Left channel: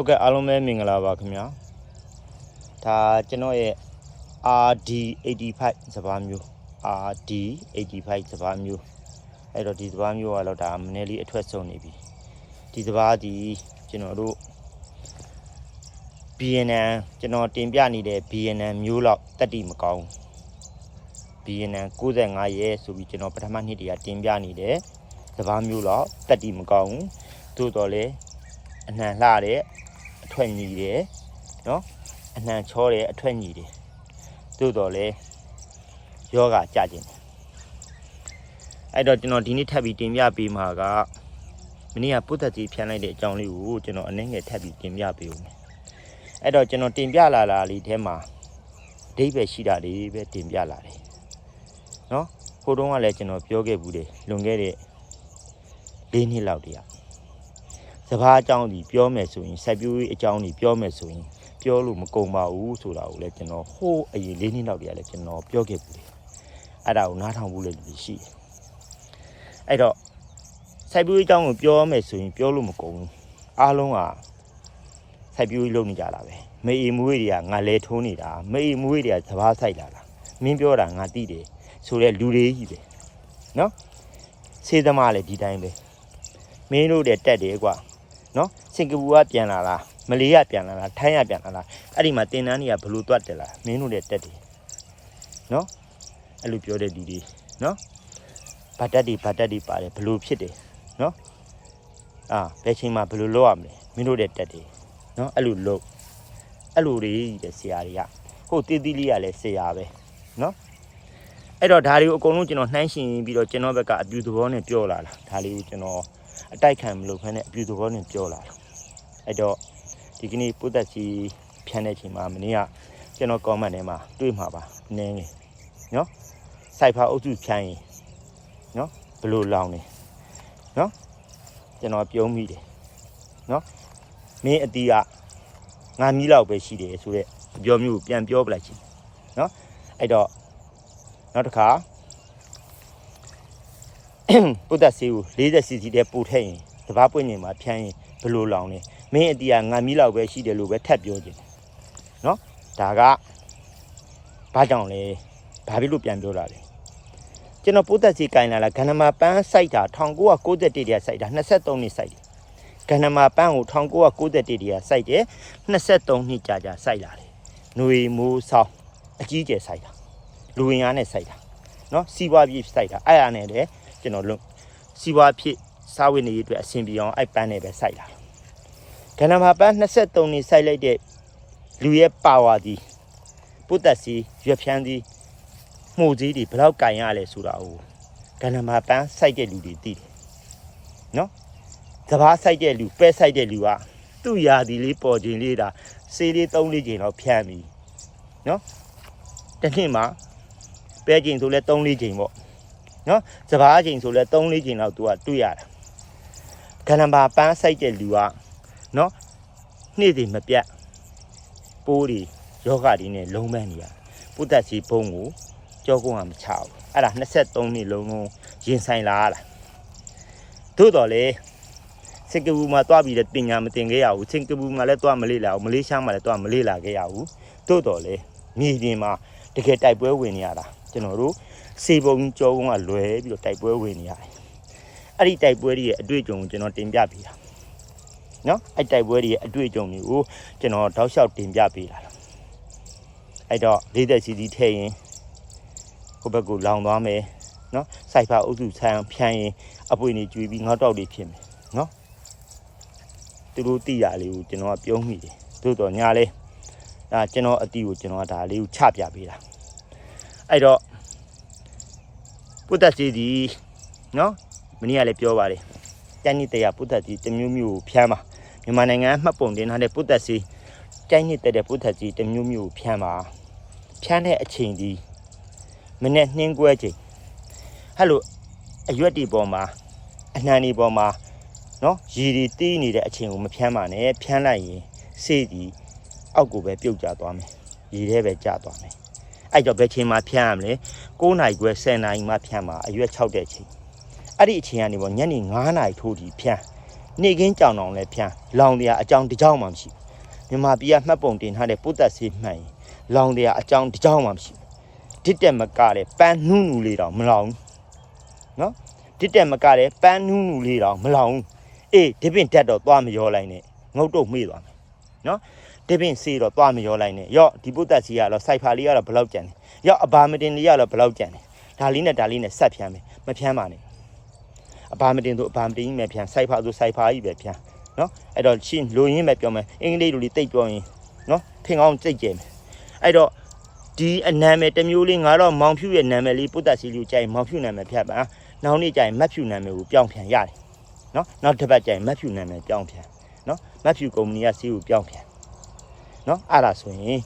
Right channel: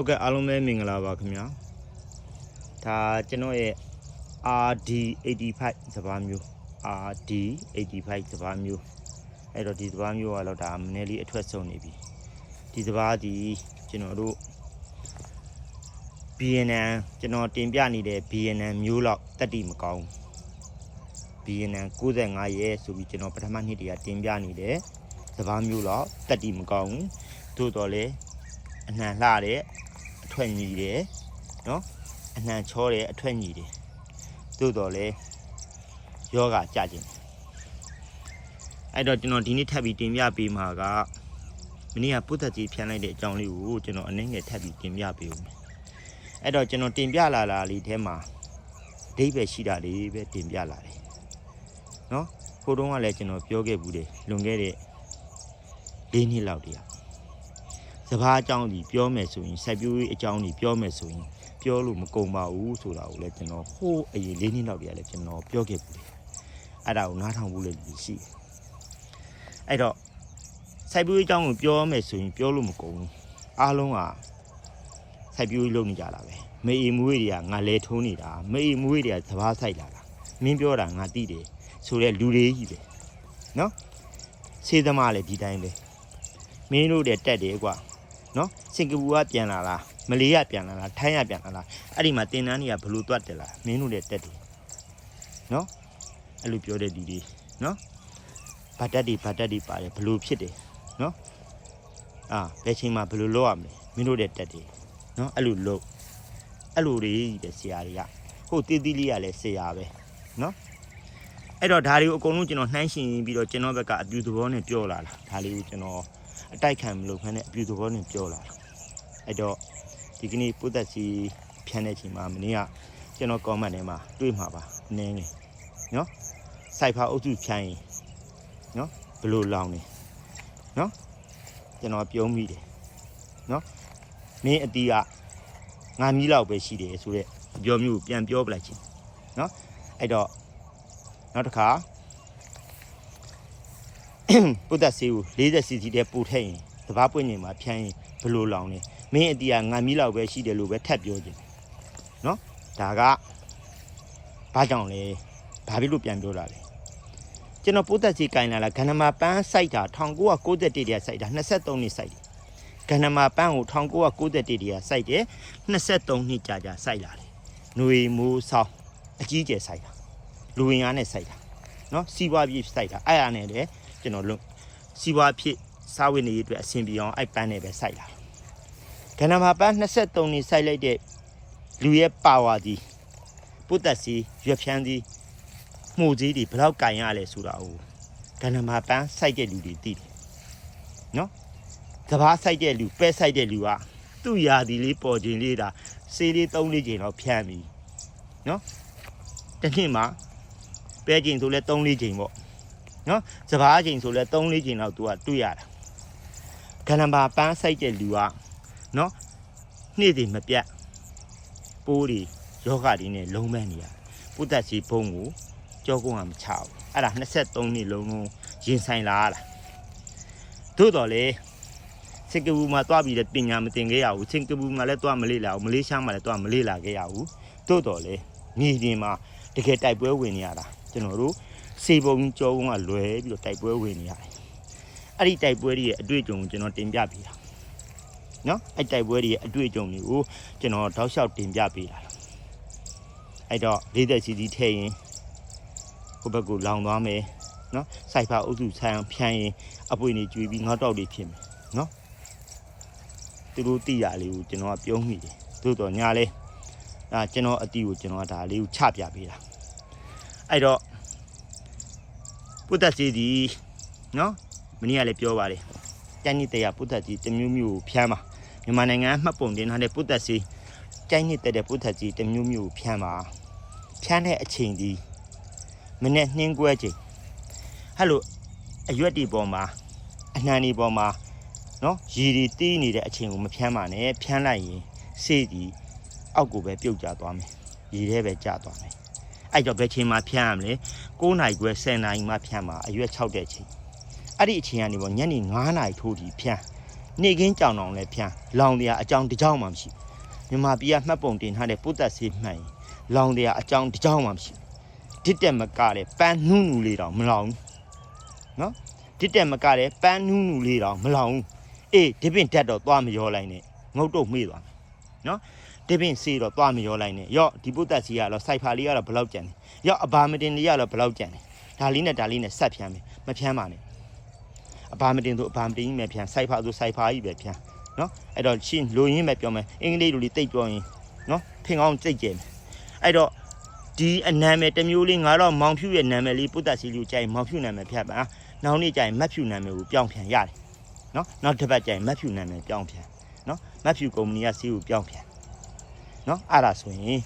ဟုတ်ကဲ့အားလုံးပဲမင်္ဂလာပါခင်ဗျာဒါကျွန်တော်ရဲ့ RD85 စပါးမျိုး RD85 စပါးမျိုးအဲ့တော့ဒီစပါးမျိုးကတော့ဒါနည်းလေးအထွက်ဆုံးနေပြီဒီစပါးဒီကျွန်တော်တို့ BNN ကျွန်တော်တင်ပြနေတဲ့ BNN မျိုးလောက်တက်တိမကောင်းဘူး BNN 95ရဲဆိုပြီးကျွန်တော်ပထမနှစ်တည်းကတင်ပြနေတယ်စပါးမျိုးလောက်တက်တိမကောင်းဘူးသို့တော်လည်းအနှံလှတဲ့အ ထွက်ညီတယ်နော်အနှံချောတယ်အထွက်ညီတယ်သို့တော်လည်းယောဂကြခြင်းအဲ့တော့ကျွန်တော်ဒီနေ့ထပ်ပြီးတင်ပြပေးမှာကမနေ့ကပုဒ်သက်ကြီးဖြန်းလိုက်တဲ့အကြောင်းလေးကိုကျွန်တော်အနည်းငယ်ထပ်ပြီးတင်ပြပေးဦးမယ်အဲ့တော့ကျွန်တော်တင်ပြလာတာလေးထဲမှာအဓိပ္ပာယ်ရှိတာလေးပဲတင်ပြလာတယ်နော်ဖိုးတုံးကလည်းကျွန်တော်ပြောခဲ့ဘူးတယ်လွန်ခဲ့တဲ့၄နှစ်လောက်တည်းက စကားအကြောင်းကြီးပြောမယ်ဆိုရင်စိုက်ပျိုးရေးအကြောင်းကြီးပြောမယ်ဆိုရင်ပြောလို့မကုန်ပါဘူးဆိုတာကိုလည်းကျွန်တော်ဟိုးအရင်လေးနှစ်လောက်တည်းကလည်းကျွန်တော်ပြောခဲ့ပြီအဲ့ဒါကိုနားထောင်ဖို့လည်းလူရှိတယ်အဲ့တော့စိုက်ပျိုးရေးအကြောင်းကိုပြောမယ်ဆိုရင်ပြောလို့မကုန်ဘူးအားလုံးကစိုက်ပျိုးရေးလုပ်နေကြတာပဲမေအီမွေးတွေကငါလဲထိုးနေတာမေအီမွေးတွေကစဘာဆိုင်လာတာမင်းပြောတာငါသိတယ်ဆိုတော့လူတွေကြီးပဲနော်စေးသမားလည်းဒီတိုင်းပဲမင်းတို့တဲ့တက်တယ်ကွာ နော်စင်ကာပူကပြန်လာလားမလေးကပြန်လာလားထိုင်းကပြန်လာလားအဲ့ဒီမှာတင်တန်းတွေကဘလို့တွတ်တယ်လားမင်းတို့လည်းတက်တယ်နော်အဲ့လိုပြောတဲ့ဒီဒီနော်ဗတ်တက်ဒီဗတ်တက်ဒီပါတယ်ဘလို့ဖြစ်တယ်နော်အာဘယ်ချိန်မှာဘလို့လောက်ရမလဲမင်းတို့လည်းတက်တယ်နော်အဲ့လိုလောက်အဲ့လိုတွေတဲ့ဆရာတွေကဟိုတီးတီးလေးကလည်းဆရာပဲနော်အဲ့တော့ဒါတွေကိုအကုန်လုံးကျွန်တော်နှိုင်းရှင်ပြီးတော့ကျွန်တော်ဘက်ကအပြူသဘောနဲ့ပြောလာတယ်ဒါလေးကိုကျွန်တော် အတိုက်ခံမလို့ဖ ೇನೆ အပြူသဘောနဲ့ပြောလာတယ်အဲ့တော့ဒီကနေ့ပုဒ်သက်စီဖြန်းတဲ့ချိန်မှာမင်းကကျွန်တော် comment ထဲမှာတွေ့မှာပါနင်းနေနော်စိုက်ဖာအုပ်စုဖြန်းရင်နော်ဘလို့လောင်းနေနော်ကျွန်တော်ပြုံးမိတယ်နော်မင်းအတီးကငါမီးလောက်ပဲရှိတယ်ဆိုတော့အပြောမျိုးကိုပြန်ပြောပလိုက်ချင်းနော်အဲ့တော့နောက်တစ်ခါ ပုဒ်သက်ဆေးကို 40 cc တဲ့ပို့ထည့်ရင်တဘာပွင့်နေမှာဖြန်းရင်ဘလို့လောင်လဲမင်းအတီးကငါမီးလောက်ပဲရှိတယ်လို့ပဲထပ်ပြောခြင်းနော်ဒါကဘာကြောင့်လဲဘာဖြစ်လို့ပြန်ပြောလာလဲကျွန်တော်ပုဒ်သက်ဆေးကင်လာလာဂန္ဓမာပန်းစိုက်တာ1991တည်းတည်းစိုက်တာ23နှစ်စိုက်တယ်ဂန္ဓမာပန်းကို1991တည်းတည်းစိုက်တယ်23နှစ်ကြာကြာစိုက်လာတယ်ຫນွေမိုးဆောင်းအကြီးကျယ်စိုက်တာလူဝင်အားနဲ့စိုက်တာနော်စီးပွားပြေးစိုက်တာအဲ့ရနဲ့လေ ကျွန်တော်လုံးစီးပွားဖြစ်စားဝတ်နေရေးအတွက်အဆင်ပြေအောင်အဲ့ပန်းနဲ့ပဲစိုက်လာကဏ္ဍမှာပန်း23နှစ်စိုက်လိုက်တဲ့လူရဲ့ပါဝါဒီပုတ်သက်စီရွက်ဖြန်းစီမှုကြီးတွေဘယ်လောက်ကင်ရလဲဆိုတာကိုကဏ္ဍမှာပန်းစိုက်တဲ့လူတွေသိတယ်နော်စဘာစိုက်တဲ့လူပဲစိုက်တဲ့လူကသူ့ယာဒီလေးပေါ်ခြင်းလေးဒါစေးလေး၃လေးချိန်တော့ဖြန်းပြီနော်တစ်နှစ်မှာပဲခြင်းဆိုလဲ၃လေးချိန်ပေါ့ နော်စဘာအချိန်ဆိုလဲ3 4ချိန်လောက်သူကတွေ့ရတယ်ကဏ္ဍပါပန်းဆိုင်တဲ့လူကနော်နေ့တွေမပြတ်ပိုးတွေယောဂတွေနဲ့လုံးမနေရပုဒ္ဒစီဘုံကိုကြောကုန်းကမချဘူးအဲ့ဒါ23နှစ်လုံးလုံးရင်ဆိုင်လာရတာသို့တော်လေစင်ကာပူမှာတွားပြီးတဲ့တင်ညာမတင်ခဲ့ရဘူးစင်ကာပူမှာလည်းတွားမလေးလာဘူးမလေးရှားမှာလည်းတွားမလေးလာခဲ့ရဘူးသို့တော်လေမြေပြင်မှာတကယ်တိုက်ပွဲဝင်နေရတာကျွန်တော်တို့ စေပုံကြောကုန်းကလွယ်ပြီးတော့တိုက်ပွဲဝင်နေရတယ်။အဲ့ဒီတိုက်ပွဲတွေရဲ့အတွေ့အကြုံကိုကျွန်တော်တင်ပြပေးတာ။နော်အဲ့တိုက်ပွဲတွေရဲ့အတွေ့အကြုံတွေကိုကျွန်တော်တောက်လျှောက်တင်ပြပေးတာ။အဲ့တော့လေးသက်စီစီထည့်ရင်ဟိုဘက်ကိုလောင်သွားမယ်နော်။စိုက်ဖာအုပ်စုဆန်းဖြန်းရင်အပွေနေကျွေးပြီးငေါတောက်တွေဖြစ်မယ်နော်။သူတို့တိရလေးကိုကျွန်တော်ကပြုံးမိတယ်။သို့တော်ညာလဲဒါကျွန်တော်အတီးကိုကျွန်တော်ဒါလေးကိုချပြပေးတာ။အဲ့တော့ ပုဒ်သက်ကြီးဒီနော်မင်းကလည်းပြောပါတယ်ကျန်းနှစ်တရားပုဒ်သက်ကြီးတစ်မျိုးမျိုးကိုဖျမ်းပါမြန်မာနိုင်ငံမှတ်ပုံတင်ထားတဲ့ပုဒ်သက်စီကျန်းနှစ်တဲ့ပုဒ်သက်ကြီးတစ်မျိုးမျိုးကိုဖျမ်းပါဖျမ်းတဲ့အချိန်ဒီမနေ့နှင်းကွဲချိန်ဟဲ့လို့အရွက်ဒီပေါ်မှာအနှံဒီပေါ်မှာနော်ရည်ဒီတီးနေတဲ့အချိန်ကိုမဖျမ်းပါနဲ့ဖျမ်းလိုက်ရင်စေးဒီအောက်ကိုပဲပြုတ်ကျသွားမယ်ရည်ထဲပဲကျသွားမယ် အဲ့တော့ဘယ်ချိန်မှာဖျမ်းရမလဲ9နိုင်ခွဲ10နိုင်မှဖြန်းမှာအရွက်6တဲ့ချိန်အဲ့ဒီအချိန်ကနေပေါ့ညနေ9နိုင်ထိုးပြီးဖြန်းနေကင်းကြောင်တောင်လည်းဖြန်းလောင်တရားအကြောင်းတစ်ကြောင်းမှမရှိဘူးမြန်မာပြည်ကမှတ်ပုံတင်ထားတဲ့ပုဒ်သက်စီမှန်ရင်လောင်တရားအကြောင်းတစ်ကြောင်းမှမရှိဘူးတစ်တက်မကတဲ့ပန်းနှူးနူလေးတောင်မလောင်ဘူးနော်တစ်တက်မကတဲ့ပန်းနှူးနူလေးတောင်မလောင်ဘူးအေးဒီပင်တက်တော့သွားမရောလိုက်နဲ့ငုတ်တော့မေ့သွားမယ်နော် ဒီပင်စီတော့သွားမရောလိုက်နဲ့ရော့ဒီပုဒ်သက်စီကတော့စိုက်ဖာလေးကတော့ဘယ်လောက်ကြံလဲရော့အဘာမတင်လေးကတော့ဘယ်လောက်ကြံလဲဒါလေးနဲ့ဒါလေးနဲ့ဆက်ဖြန်းမယ်မဖြန်းပါနဲ့အဘာမတင်သူအဘာမတင်ကြီးပဲဖြန်းစိုက်ဖာသူစိုက်ဖာကြီးပဲဖြန်းနော်အဲ့တော့ရှင်းလိုရင်းပဲပြောမယ်အင်္ဂလိပ်လိုလေးတိတ်ပြောရင်နော်ထင်အောင်စိတ်ကြတယ်အဲ့တော့ဒီအနာမည်တစ်မျိုးလေးငါတော့မောင်ဖြူရဲ့နာမည်လေးပုတ္တစီလူကြိုင်မောင်ဖြူနာမည်ဖြတ်ပါနောက်နေ့ကျရင်မတ်ဖြူနာမည်ကိုပြောင်းဖြန်ရတယ်နော်နောက်တစ်ပတ်ကျရင်မတ်ဖြူနာမည်ပြောင်းဖြန်နော်မတ်ဖြူကုမ္ပဏီကစီးကိုပြောင်းဖြန် နော်အဲ့ဒါဆိုရင်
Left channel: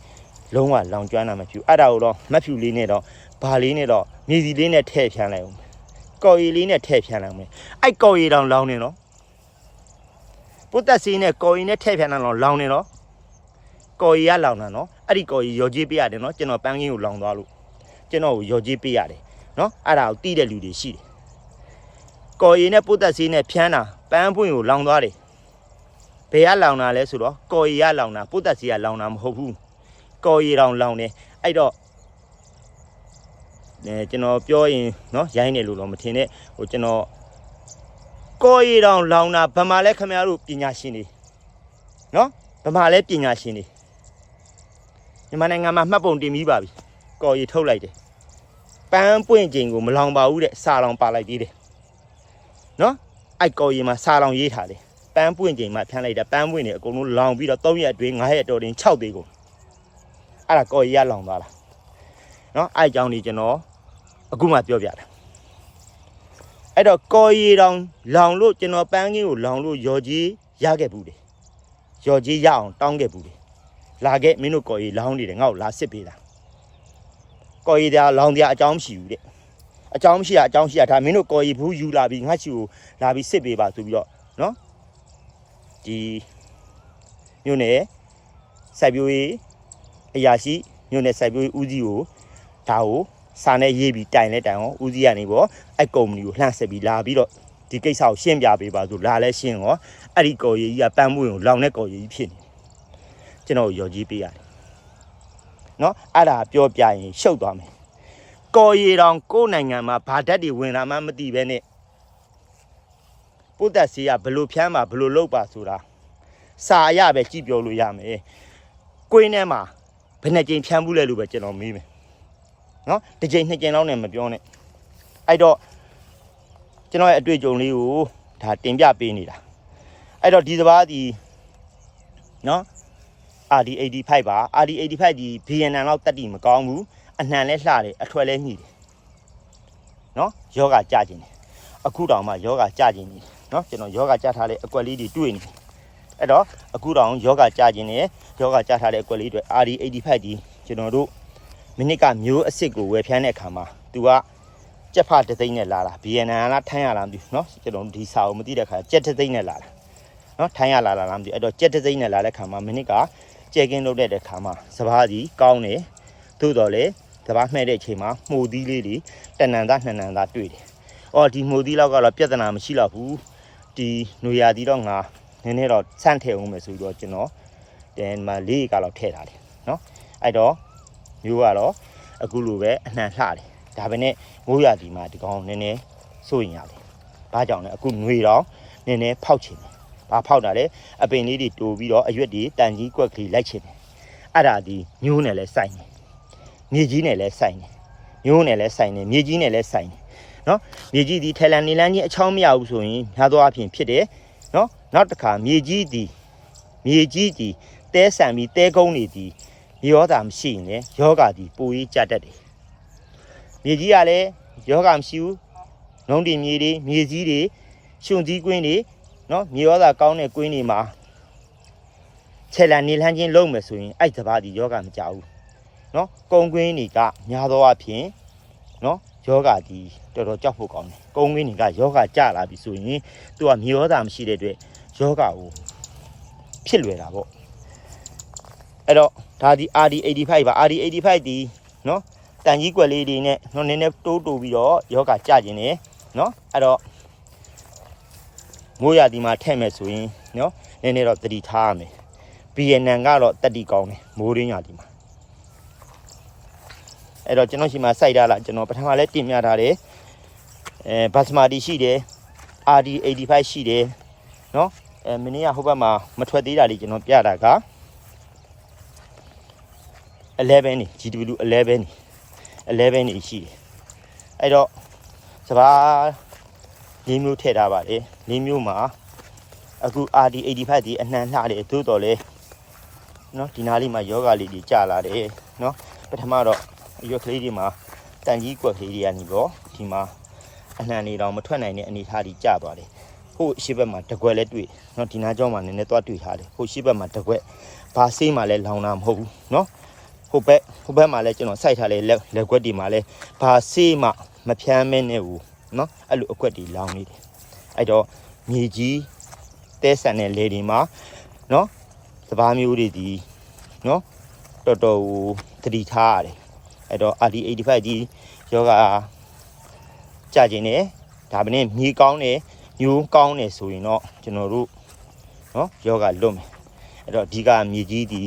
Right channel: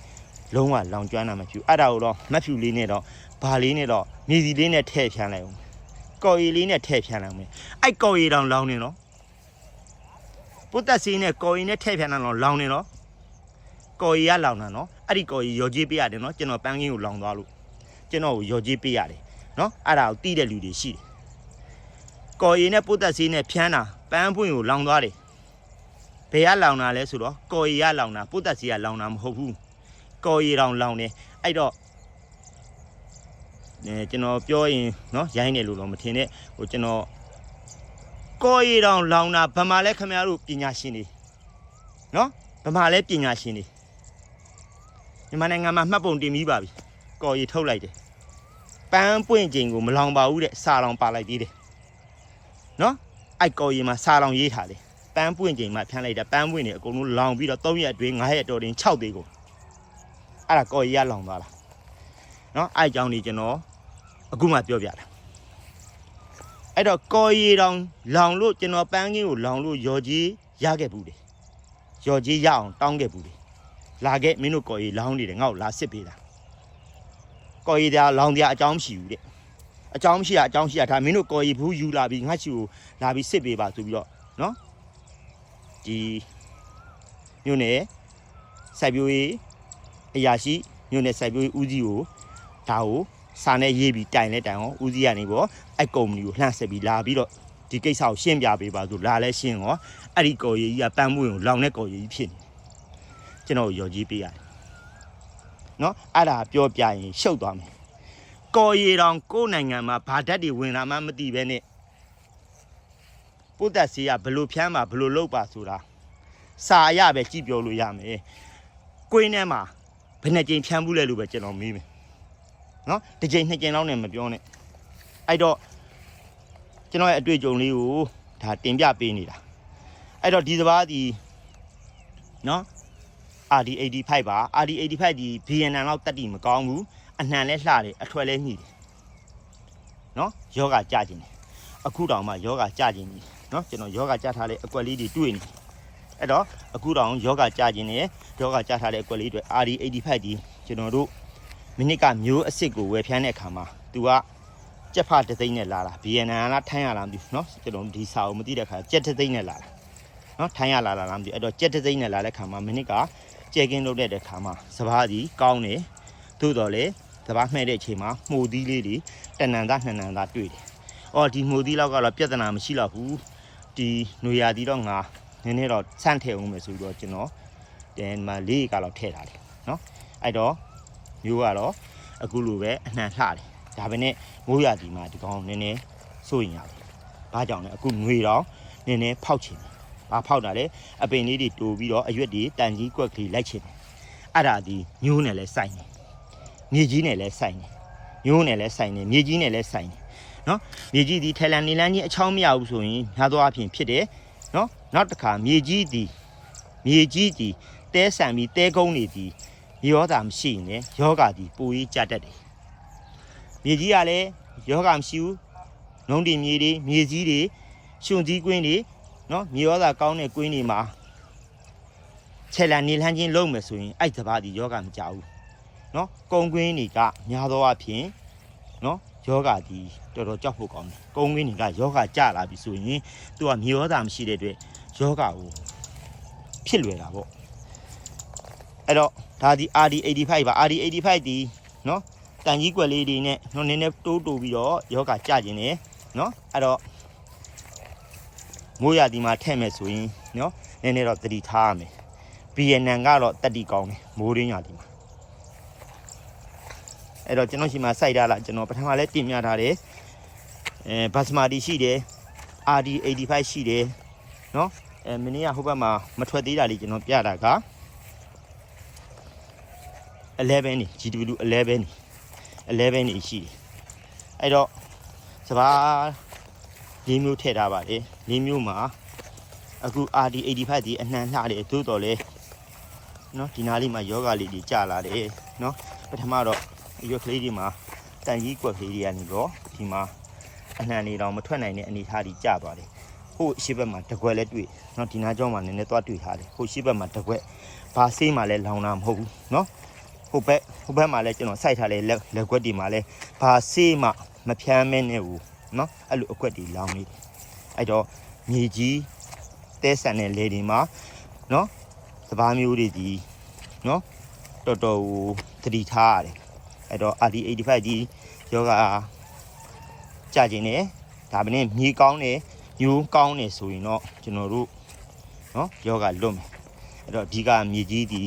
လုံးဝလောင်ကျွမ်းတာမဖြူအဲ့ဒါကိုတော့မတ်ဖြူလေးနဲ့တော့ဘာလေးနဲ့တော့မြေစီလေးနဲ့ထည့်ဖြန်လိုက်အောင်ကော်ရီလေးနဲ့ထည့်ဖြန်းလာမယ်အဲ့ကော်ရီတောင်လောင်းနေနော်ပုတ်သက်စီနဲ့ကော်ရီနဲ့ထည့်ဖြန်းလာတော့လောင်းနေနော်ကော်ရီကလောင်းတာနော်အဲ့ဒီကော်ရီရော်ကြီးပေးရတယ်နော်ကျွန်တော်ပန်းကင်းကိုလောင်းသွားလို့ကျွန်တော်ကိုရော်ကြီးပေးရတယ်နော်အဲ့ဒါကိုတီးတဲ့လူတွေရှိတယ်ကော်ရီနဲ့ပုတ်သက်စီနဲ့ဖြန်းတာပန်းပွင့်ကိုလောင်းသွားတယ် ဘယ်ကလောင်တာလဲဆိုတော့ကော်ရီကလောင်တာကိုတက်စီကလောင်တာမဟုတ်ဘူးကော်ရီတောင်လောင်တယ်အဲ့တော့အဲကျွန်တော်ပြောရင်နော်ရိုင်းနေလို့တော့မထင်နဲ့ဟိုကျွန်တော်ကော်ရီတောင်လောင်တာဗမာလဲခမရတို့ပညာရှင်တွေနော်ဗမာလဲပညာရှင်တွေမြန်မာနိုင်ငံမှာမှတ်ပုံတင်ပြီးပါပြီကော်ရီထုတ်လိုက်တယ်ပန်းပွင့်ချိန်ကိုမလောင်ပါဘူးတဲ့စာလောင်ပါလိုက်သေးတယ်နော်အဲ့ကော်ရီမှာစာလောင်ရေးထားတယ် ပန်းပွင့်ချိန်မှဖမ်းလိုက်တာပန်းပွင့်နေအကုန်လုံးလောင်ပြီးတော့၃ရက်အတွင်း9ရက်တော်တင်6သေးကိုအဲ့ဒါကော်ရီရလောင်သွားတာနော်အဲ့အကြောင်းကြီးကျွန်တော်အခုမှပြောပြတယ်အဲ့တော့ကော်ရီတောင်လောင်လို့ကျွန်တော်ပန်းကြီးကိုလောင်လို့ယော်ကြီးရခဲ့ဘူးတယ်ယော်ကြီးရအောင်တောင်းခဲ့ဘူးတယ်လာခဲ့မင်းတို့ကော်ရီလောင်နေတယ်ငါ့ကိုလာစစ်ပေးတာကော်ရီတရားလောင်တရားအကြောင်းမရှိဘူးတဲ့အကြောင်းရှိတာအကြောင်းရှိတာဒါမင်းတို့ကော်ရီဘူးယူလာပြီးငါ့ချီကိုလာပြီးစစ်ပေးပါဆိုပြီးတော့နော် ဒီမြို့နယ်စိုက်ပျိုးရေးအရာရှိမြို့နယ်စိုက်ပျိုးရေးဦးစီးကိုဒါကိုစာနဲ့ရေးပြီးတိုင်လဲတိုင်အောင်ဦးစီးကနေပေါ့အဲ့ကုမ္ပဏီကိုလှမ်းဆက်ပြီးလာပြီးတော့ဒီကိစ္စကိုရှင်းပြပေးပါဆိုလာလဲရှင်းရောအဲ့ဒီကော်ရီကြီးကပန်းမွေးကိုလောင်တဲ့ကော်ရီကြီးဖြစ်နေကျွန်တော်ရော်ကြီးပေးရတယ်နော်အဲ့ဒါပြောပြရင်ရှုပ်သွားမယ်ကော်ရီတောင်ကိုယ်နိုင်ငံမှာဗာဓာတ်တွေဝင်လာမှမသိပဲနဲ့ ပုဒ်သက်စီကဘလို့ဖြမ်းမှာဘလို့လုပ်ပါဆိုတာစာရပဲကြည့်ပြောလို့ရမယ်ကိုင်းထဲမှာဘယ်နှကြိမ်ဖြမ်းဘူးလဲလို့ပဲကျွန်တော်မေးမယ်နော်တစ်ချိန်နှစ်ချိန်လောက်နဲ့မပြောနဲ့အဲ့တော့ကျွန်တော်ရဲ့အတွေ့အကြုံလေးကိုဒါတင်ပြပေးနေတာအဲ့တော့ဒီစပားဒီနော် RD85 ပါ RD85 ဒီ VNN လောက်တက်တီမကောင်းဘူးအနှံလဲလှတယ်အထွက်လဲညှိတယ်နော်ယောဂကြကျင်တယ်အခုတောင်မှယောဂကြကျင်နေ နော်ကျွန်တော်ယောဂကြထားတဲ့အကွက်လေးတွေတွေ့နေအဲ့တော့အခုတောင်ယောဂကြကျင်နေယောဂကြထားတဲ့အကွက်လေးတွေ RD85 ဒီကျွန်တော်တို့ မိနစ်ကမျိုးအစ်စ်ကိုဝယ်ဖြန်းတဲ့အခါမှာ तू ကကြက်ဖတစ်သိန်းနဲ့လာတာ BNN လားထိုင်းရလားမသိဘူးเนาะကျွန်တော်ဒီစာကိုမသိတဲ့အခါကြက်တစ်သိန်းနဲ့လာတာเนาะထိုင်းရလားလားမသိဘူးအဲ့တော့ကြက်တစ်သိန်းနဲ့လာတဲ့အခါမှာမိနစ်ကကြဲကင်းလုပ်တဲ့အခါမှာစပားကြီးကောင်းတယ်သို့တော်လေစပားမှဲ့တဲ့အချိန်မှာမှုသီးလေးတွေတဏ္ဍန်သားနှစ်ဏ္ဍန်သားတွေ့တယ်။အော်ဒီမှုသီးလောက်ကတော့ပြဿနာမရှိတော့ဘူး ဒီနွေရာသီတော့ငါနည်းနည်းတော့ဆန့်ထည့်အောင်မယ်ဆိုပြီးတော့ကျွန်တော်ဒီမှာလေးကတော့ထည့်တာလေနော်အဲ့တော့မျိုးကတော့အခုလိုပဲအနှံ့လှတယ်ဒါပေမဲ့မိုးရာသီမှာဒီကောင်နည်းနည်းစိုးရင်ရတယ်ဘာကြောင့်လဲအခုနွေတော့နည်းနည်းဖောက်ချင်တယ်ဘာဖောက်တာလဲအပင်လေးတွေတိုးပြီးတော့အရွက်တွေတန်ကြီးကွက်ကလေးလိုက်ချင်တယ်အဲ့ဒါဒီညိုးနဲ့လဲစိုက်နေမြေကြီးနဲ့လဲစိုက်နေညိုးနဲ့လဲစိုက်နေမြေကြီးနဲ့လဲစိုက်နေ နော်မြေကြီးဒီထဲလန်နေလန်းကြီးအချောင်းမရဘူးဆိုရင်များသောအားဖြင့်ဖြစ်တယ်နော်နောက်တစ်ခါမြေကြီးဒီမြေကြီးဒီတဲဆန်ပြီးတဲကုန်းတွေဒီယောဂမရှိရင်လည်းယောဂဒီပူရေးကြတတ်တယ်။မြေကြီးကလည်းယောဂမရှိဘူး။နှုံးတင်မြေတွေမြေကြီးတွေရှင်ကြီးကွင်းတွေနော်မြေယောဂကောင်းတဲ့ကွင်းတွေမှာခြေလန်နေလန်းချင်းလုံးမယ်ဆိုရင်အဲ့စပါးဒီယောဂမကြဘူး။နော်ကုံကွင်းတွေကများသောအားဖြင့်နော်ယောဂဒီ တော်တော်ကြောက်ဖို့ကောင်းတယ်။ကုံကွင်းတွေကယောဂကြလာပြီဆိုရင်သူကမြေယောဂမရှိတဲ့အတွက်ယောဂကိုဖြစ်လွယ်တာပေါ့။အဲ့တော့ဒါဒီ RD85 ပါ RD85 ဒီနော်တန်ကြီးကွက်လေးတွေနဲ့နော်နည်းနည်းတိုးတိုးပြီးတော့ယောဂကြကျင်နေနော်အဲ့တော့မိုးရဒီမှာထည့်မယ်ဆိုရင်နော်နည်းနည်းတော့တတိထားရမယ်ဘီယန်နန်ကတော့တတိကောင်းတယ်မိုးရင်းရဒီမှာအဲ့တော့ကျွန်တော်ရှိမှစိုက်ထားလားကျွန်တော်ပထမလဲတင်ပြထားတယ် အဲဘတ်စမာတီရှိတယ် RD 85ရှိတယ်နော်အဲမင်းကဟိုဘက်မှာမထွက်သေးတာလေးကျွန်တော်ပြတာက11နေ GW 11နေ11နေရှိတယ်အဲ့တော့စပါးလေးမျိုးထည့်ထားပါတယ်လေးမျိုးမှာအခု RD 85ဒီအနှံလှတယ်သို့တော်လဲနော်ဒီနားလေးမှာယောဂလေးကြီးကြာလာတယ်နော်ပထမတော့ရွက်ကလေးတွေမှာတန်ကြီးကွက်ကလေးတွေကနေတော့ဒီမှာ အနှံနေတော့မထွက်နိုင်တဲ့အနေအထားကြီးကြာသွားတယ်ဟိုရှေ့ဘက်မှာတကွက်လည်းတွေ့နော်ဒီနားကျောင်းမှာနည်းနည်းသွားတွေ့ထားတယ်ဟိုရှေ့ဘက်မှာတကွက်ဘာဆေးမှလည်းလောင်တာမဟုတ်ဘူးနော်ဟိုဘက်ဟိုဘက်မှာလည်းကျွန်တော်စိုက်ထားတဲ့လက်လက်ကွက်တွေမှာလည်းဘာဆေးမှမဖြမ်းမင်းနဲ့ဘူးနော်အဲ့လိုအကွက်တွေလောင်နေတယ်အဲ့တော့မြေကြီးတဲဆန်တဲ့လေတွေမှာနော်စပားမျိုးတွေဒီနော်တော်တော်ကိုတတိထားရတယ်အဲ့တော့ RD85 ကြီးယောဂ ကြာခြင်းနဲ့ဒါပင်းမြေကောင်းတယ်ယူကောင်းတယ်ဆိုရင်တော့ကျွန်တော်တို့နော်ယောဂလွတ်မယ်အဲ့တော့အဓိကမြေကြီးဒီ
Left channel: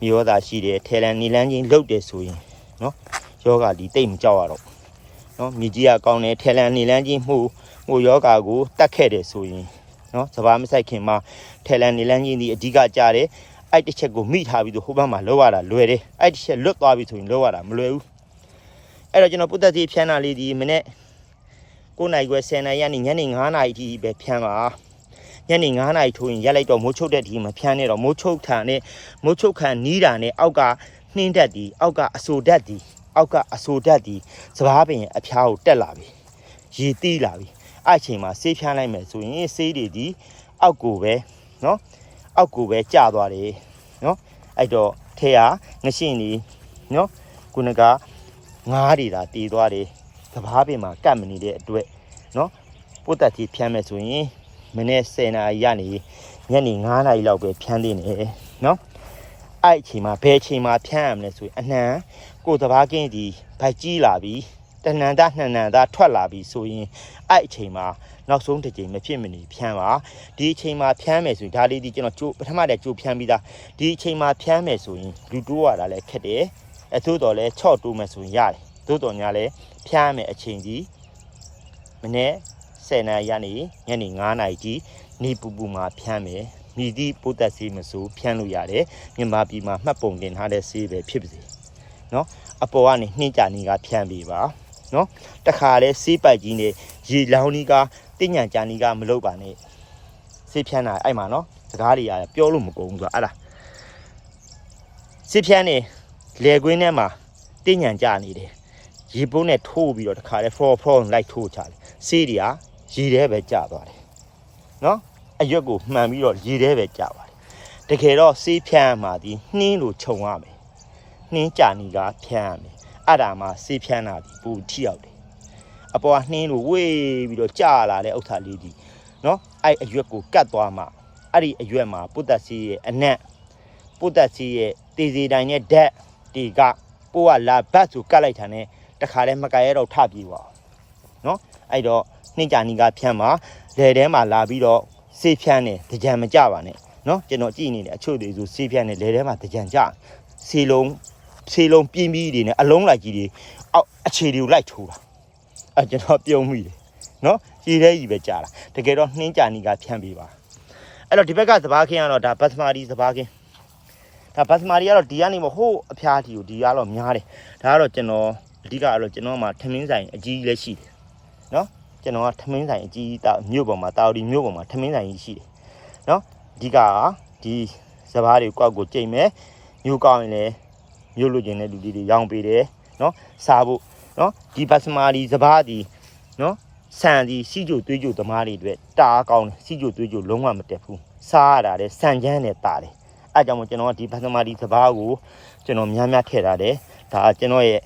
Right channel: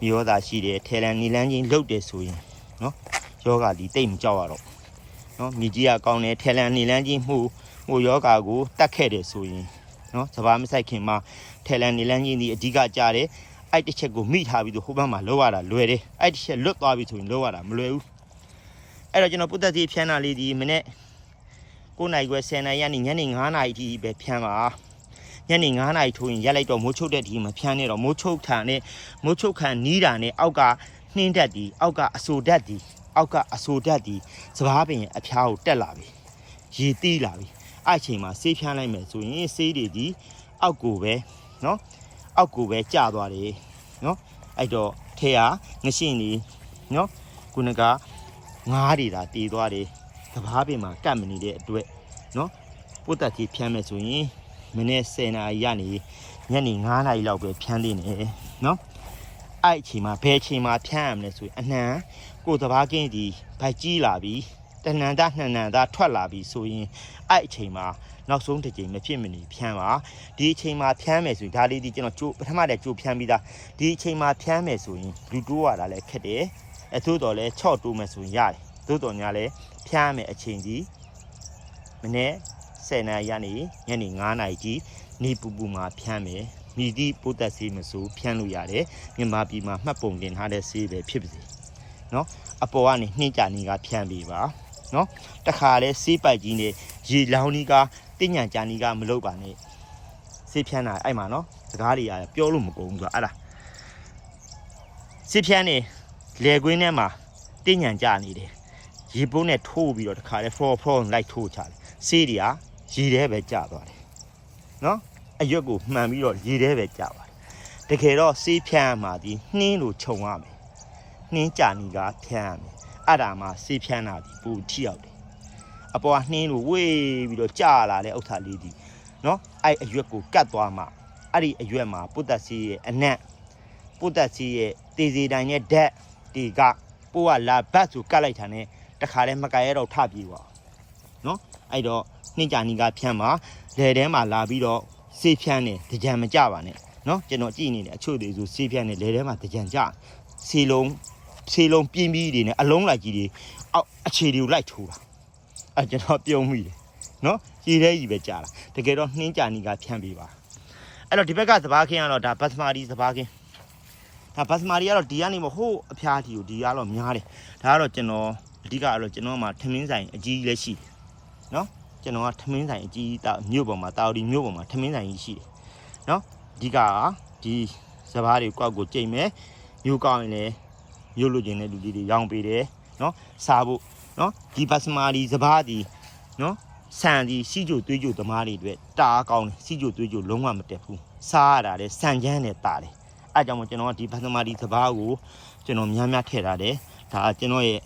မြေရောသာရှိတယ်ထဲလန်နေလန်းချင်းလုတ်တယ်ဆိုရင်နော်ယောဂဒီတိတ်မကြောက်ရတော့နော်မြေကြီးကကောင်းတယ်ထဲလန်နေလန်းချင်းမှုဟိုယောဂကိုတတ်ခဲ့တယ်ဆိုရင်နော်စဘာမဆိုင်ခင်မှာထဲလန်နေလန်းချင်းဒီအဓိကကြာတယ်အဲ့တစ်ချက်ကိုမိထားပြီးတော့ဟိုဘက်မှာလောက်ရတာလွယ်တယ်အဲ့တစ်ချက်လွတ်သွားပြီဆိုရင်လောက်ရတာမလွယ်ဘူး အဲ့တော့ကျွန်တော်ပုတ္တတိဖြန်းတာလေးဒီမနေ့9နိုင်ခွဲ10နိုင်ရနေညနေ9နိုင်အထိပဲဖြန်းပါညနေ9နိုင်ထိုးရင်ရက်လိုက်တော့မိုးချုပ်တဲ့ဒီမဖြန်းနဲ့တော့မိုးချုပ်ထန်နဲ့မိုးချုပ်ခံနီးတာနဲ့အောက်ကနှင်းတက်ဒီအောက်ကအဆူတက်ဒီအောက်ကအဆူတက်ဒီစပားပင်အဖျားကိုတက်လာပြီရေတီးလာပြီအဲ့အချိန်မှာဆေးဖြန်းလိုက်မယ်ဆိုရင်ဆေးတွေဒီအောက်ကိုပဲနော်အောက်ကိုပဲကျသွားတယ်နော်အဲ့တော့ထဲဟာငရှင်းနေနော်ခုနက ငားတွေဒါတီးသွားတယ်စပားပင်မှာကတ်မနေတဲ့အတွက်နော်ပုတ်တက်ကြီးဖြန်းမယ်ဆိုရင်မနေ့10နာရီကနေညနေ9နာရီလောက်ပဲဖြန်းသေးတယ်နော်အဲ့အချိန်မှာဘယ်အချိန်မှာဖြန်းရမလဲဆိုရင်အနှံကိုယ်စပားကင်းဒီဗိုက်ကြီးလာပြီတဏ္ဍာနှဏ္ဍာထွက်လာပြီဆိုရင်အဲ့အချိန်မှာနောက်ဆုံးတစ်ချိန်မဖြစ်မနေဖြန်းပါဒီအချိန်မှာဖြန်းမယ်ဆိုရင်ဒါလေးဒီကျွန်တော်ကြိုးပထမတည်းကြိုးဖြန်းပြီးသားဒီအချိန်မှာဖြန်းမယ်ဆိုရင်လူတိုးရတာလည်းခက်တယ် အထို့တော်လည်းချော့တိုးမယ်ဆိုရင်ရတယ်သို့တော်ညာလည်းဖြန်းမယ်အချိန်ကြီးမနေ့10နာရီကနေညနေ9နာရီကြီးနေပူပူမှာဖြန်းမယ်မိသည့်ပိုးသက်ဆေးမဆိုဖြန်းလို့ရတယ်မြန်မာပြည်မှာမှတ်ပုံတင်ထားတဲ့ဆေးပဲဖြစ်ပါစေနော်အပေါ်ကနေနှင်းကြနေကဖြန်းပေးပါနော်တခါလဲဆေးပိုက်ကြီးနဲ့ရေလောင်းကြီးကတညံကြနေကမလုပ်ပါနဲ့ဆေးဖြန်းတာအဲ့မှာနော်စကားတွေရပြောလို့မကုန်ဘူးဆိုတော့အဲ့ဒါဆေးဖြန်းနေ လေကွင်းထဲမှာတညံကြနေတယ်ရေပုံးနဲ့ထိုးပြီးတော့တခါလဲ for for လိုက်ထိုးချတယ်ဆေးတွေကရေထဲပဲကျသွားတယ်နော်အရွက်ကိုမှန်ပြီးတော့ရေထဲပဲကျပါတယ်တကယ်တော့ဆေးဖြန်းမှာဒီနှင်းလိုခြုံရမယ်နှင်းကြနေကဖြန်းရမယ်အဲ့ဒါမှဆေးဖြန်းတာဒီပူထိရောက်တယ်အပေါ်ကနှင်းလိုဝေးပြီးတော့ကြာလာတဲ့ဥစ္စာလေးဒီနော်အဲ့အရွက်ကိုကတ်သွားမှအဲ့ဒီအရွက်မှာပုတ္တစီရဲ့အနက်ပုတ္တစီရဲ့တေစီတိုင်းနဲ့ဓာတ် ဒီကကိုကလာဘတ်ဆိုကတ်လိုက်တာနဲ့တခါလဲမကဲရတော့ထပြေပါနော်အဲ့တော့နှိမ့်ကြနီကဖြန်းမှာလေထဲမှာလာပြီးတော့ဆေးဖြန်းနေတကြံမကြပါနဲ့နော်ကျွန်တော်ကြည့်နေတယ်အချို့တွေဆိုဆေးဖြန်းနေလေထဲမှာတကြံကြဆေးလုံးဆေးလုံးပြင်းပြီးတွေနဲ့အလုံးလိုက်ကြီးတွေအောက်အခြေတွေကိုလိုက်ထိုးတာအဲကျွန်တော်ပြုံးမိတယ်နော်ကြီးတဲ့ကြီးပဲကြာတာတကယ်တော့နှင်းကြနီကဖြန်းပြီးပါအဲ့တော့ဒီဘက်ကစပားခင်းကတော့ဒါဘတ်စမာဒီစပားခင်း ဒါဘတ်စမာဒီကတော့ဒီကနေမဟိုးအဖျားတီကိုဒီကတော့များတယ်ဒါကတော့ကျွန်တော်အဓိကကတော့ကျွန်တော်မှထမင်းဆိုင်အကြီးလည်းရှိတယ်နော်ကျွန်တော်ကထမင်းဆိုင်အကြီးတာမြို့ပေါ်မှာတာဝတီမြို့ပေါ်မှာထမင်းဆိုင်ကြီးရှိတယ်နော်အဓိကကဒီစပားတွေကောက်ကိုကြိတ်မယ်မြို့ကောက်ရင်လည်းမြို့လူချင်းတဲ့လူကြီးတွေရောင်းပေးတယ်နော်စားဖို့နော်ဒီဘတ်စမာဒီစပားဒီနော်ဆန်ဒီစီကြိုသွေးကြိုသမားတွေအတွက်တားကောင်းတယ်စီကြိုသွေးကြိုလုံးဝမတက်ဘူးစားရတာလေဆန်ချမ်းနဲ့တာတယ် အဲကြောင့်မို့ကျွန်တော်ကဒီဘတ်စမာဒီစပားကိုကျွန်တော်များများထည့်ထားတယ်ဒါကကျွန်တော်ရဲ့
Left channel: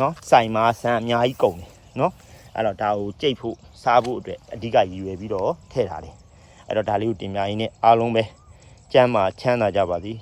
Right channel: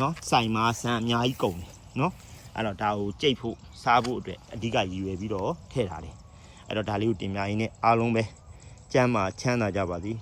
နော်ဆိုင်မှာဆန်အများကြီးကုန်တယ်နော်အဲ့တော့ဒါကိုကြိတ်ဖို့စားဖို့အတွက်အဓိကရည်ရွယ်ပြီးတော့ထည့်ထားတယ်အဲ့တော့ဒါလေးကိုတင်ပြရင်းနဲ့အားလုံးပဲကျမ်းမာချမ်းသာကြပါသည်